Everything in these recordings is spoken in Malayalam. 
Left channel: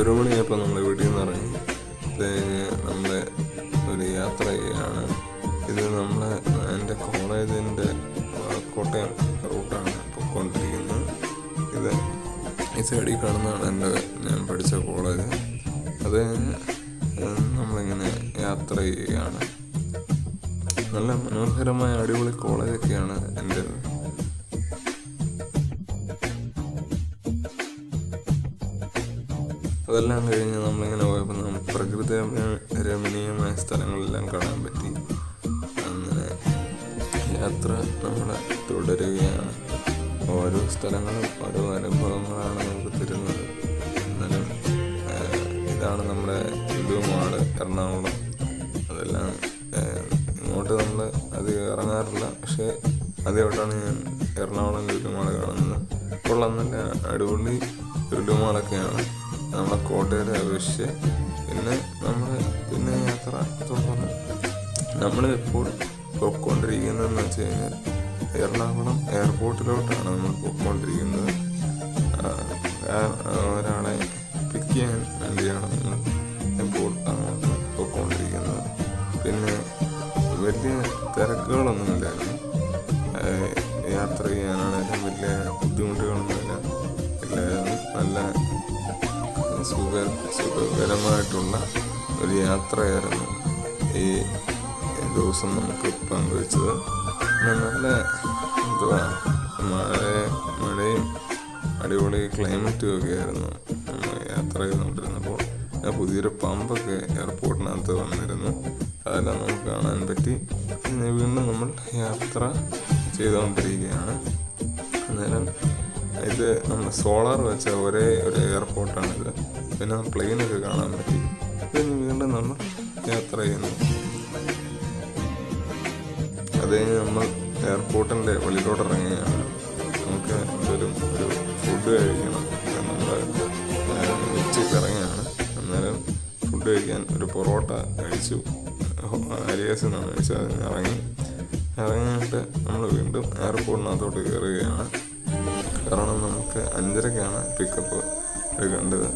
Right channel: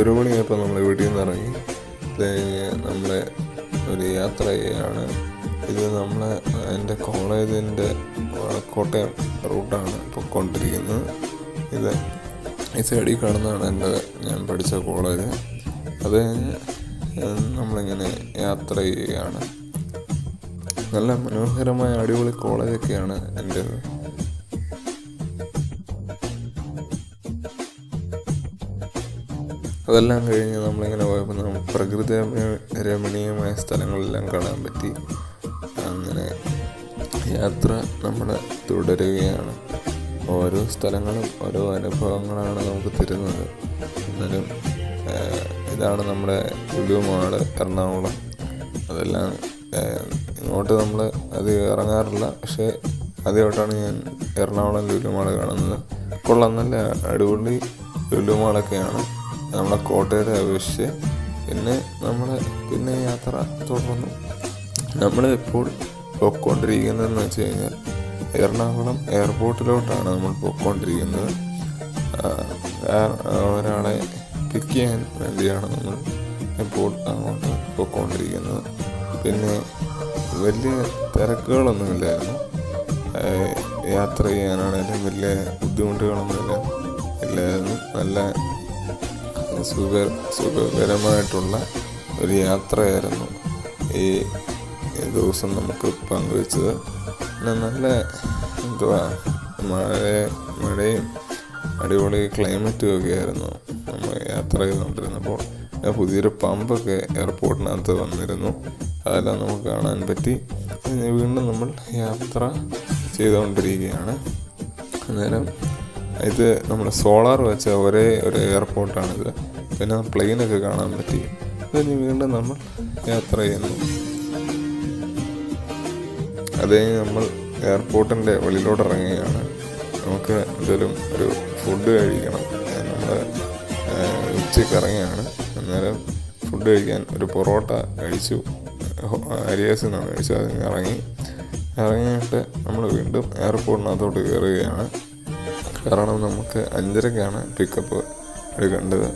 ഒരു മണിയായപ്പോൾ നമ്മൾ വീട്ടിൽ നിന്ന് ഇറങ്ങി. നമ്മൾ ഒരു യാത്ര ചെയ്യുകയാണ്. ഇത് എൻ്റെ കോളേജിൻ്റെ കോട്ടയം റൂട്ടാണ് പൊയ്ക്കൊണ്ടിരിക്കുന്നത്. ഇത് ഈ സൈഡിൽ കാണുന്നതാണ് ഞാൻ പഠിച്ച കോളേജ്. അത് നമ്മളിങ്ങനെ യാത്ര ചെയ്യുകയാണ്. നല്ല മനോഹരമായ അടിപൊളി കോളേജൊക്കെയാണ് എൻ്റേത്. അതെല്ലാം കഴിഞ്ഞ് നമ്മളിങ്ങനെ പോയപ്പോൾ നമുക്ക് പ്രകൃതി രമണീയമായ സ്ഥലങ്ങളെല്ലാം കാണാൻ പറ്റി. അങ്ങനെ യാത്ര നമ്മൾ തുടരുകയാണ്. ഓരോ സ്ഥലങ്ങളും ഓരോ അനുഭവങ്ങളാണ് നമുക്ക് തരുന്നത്. എന്നാലും ഇതാണ് നമ്മുടെ ലുലു മാള് എറണാകുളം. അതെല്ലാം ഇങ്ങോട്ട് നമ്മൾ അത് ഇറങ്ങാറില്ല, പക്ഷേ ആദ്യമായിട്ടാണ് ഞാൻ എറണാകുളം ലുലു മാള് കാണുന്നത്. കൊള്ളാം, നല്ല അടിപൊളി ലുലു മാളൊക്കെയാണ് നമ്മളെ കോട്ടയത്തെ അപേക്ഷിച്ച്. പിന്നെ യാത്ര തുടർന്നു. നമ്മൾ ഇപ്പോൾ പോയിക്കൊണ്ടിരിക്കുന്നതെന്ന് വെച്ച് കഴിഞ്ഞാൽ എറണാകുളം എയർപോർട്ടിലോട്ടാണ് നമ്മൾ പോയിക്കൊണ്ടിരിക്കുന്നത്. ഒരാളെ പിക്ക് ചെയ്യാൻ വേണ്ടിയാണ് നമ്മൾ ഇപ്പോൾ അങ്ങോട്ട് പോയിക്കൊണ്ടിരിക്കുന്നത്. പിന്നെ വലിയ തിരക്കുകളൊന്നുമില്ലായിരുന്നു. യാത്ര ചെയ്യാനാണെങ്കിലും വലിയ ബുദ്ധിമുട്ടുകളൊന്നുമില്ല ഇല്ലായിരുന്നു. നല്ല സുഖകരമായിട്ടുള്ള ഒരു യാത്രയായിരുന്നു ഈ ദിവസം നമുക്ക് പങ്കുവച്ചത്. പിന്നെ നല്ല മഴയും അടിപൊളി ക്ലൈമറ്റും ഒക്കെ ആയിരുന്നു നമ്മൾ യാത്ര ചെയ്തുകൊണ്ടിരുന്നപ്പോൾ. പുതിയൊരു പമ്പൊക്കെ എയർപോർട്ടിനകത്ത് വന്നിരുന്നു. അതെല്ലാം നമുക്ക് കാണാൻ പറ്റി. വീണ്ടും നമ്മൾ യാത്ര ചെയ്തുകൊണ്ടിരിക്കുകയാണ്. അന്നേരം ഇത് നമ്മൾ സോളാർ വെച്ച ഒരേ ഒരു എയർപോർട്ടാണിത്. പിന്നെ പ്ലെയിനൊക്കെ കാണാൻ പറ്റി. പിന്നെ വീണ്ടും നമ്മൾ യാത്ര ചെയ്യുന്നു. അത് കഴിഞ്ഞ് നമ്മൾ എയർപോർട്ടിൻ്റെ വെളിയിലോട്ട് ഇറങ്ങുകയാണ്. നമുക്ക് എന്തെങ്കിലും ഒരു ഫുഡ് കഴിക്കണം. നമ്മൾ ഉച്ചയ്ക്ക് ഇറങ്ങുകയാണ്. അന്നേരം ഫുഡ് കഴിക്കാൻ ഒരു പൊറോട്ട കഴിച്ചു. അരിയാസിൽ നിന്നാണ് കഴിച്ചത്. അതിന് ഇറങ്ങിയിട്ട് നമ്മൾ വീണ്ടും എയർപോർട്ടിനകത്തോട്ട് കയറുകയാണ്. കാരണം നമുക്ക് 5:30ക്കാണ് പിക്കപ്പ് എടുക്കേണ്ടത്.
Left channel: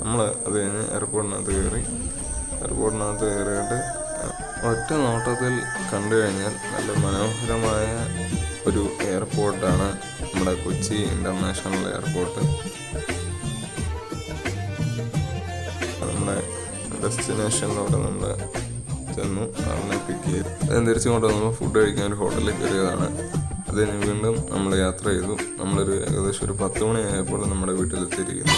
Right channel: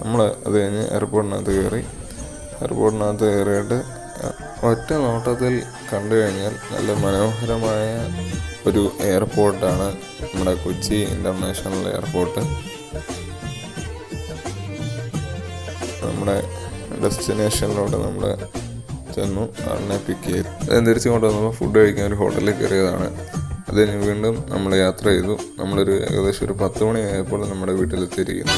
നമ്മൾ അത് കഴിഞ്ഞ് എയർപോർട്ടിനകത്ത് കയറിയിട്ട് ഒറ്റ നോട്ടത്തിൽ കണ്ടു കഴിഞ്ഞാൽ നല്ല മനോഹരമായ ഒരു എയർപോർട്ടാണ് നമ്മുടെ കൊച്ചി ഇൻ്റർനാഷണൽ എയർപോർട്ട്. നമ്മുടെ ഡെസ്റ്റിനേഷനിലോട്ട് നമ്മൾ ചെന്നു. അതിനെ പിക്ക് ചെയ്ത് തിരിച്ചുകൊണ്ട് നമ്മൾ ഫുഡ് കഴിക്കാൻ ഒരു ഹോട്ടലിൽ കയറിയതാണ്. അതിന് വീണ്ടും നമ്മൾ യാത്ര ചെയ്തു. നമ്മളൊരു ഏകദേശം ഒരു 10 മണിയായപ്പോൾ നമ്മുടെ വീട്ടിലെത്തിയിരിക്കുന്നു.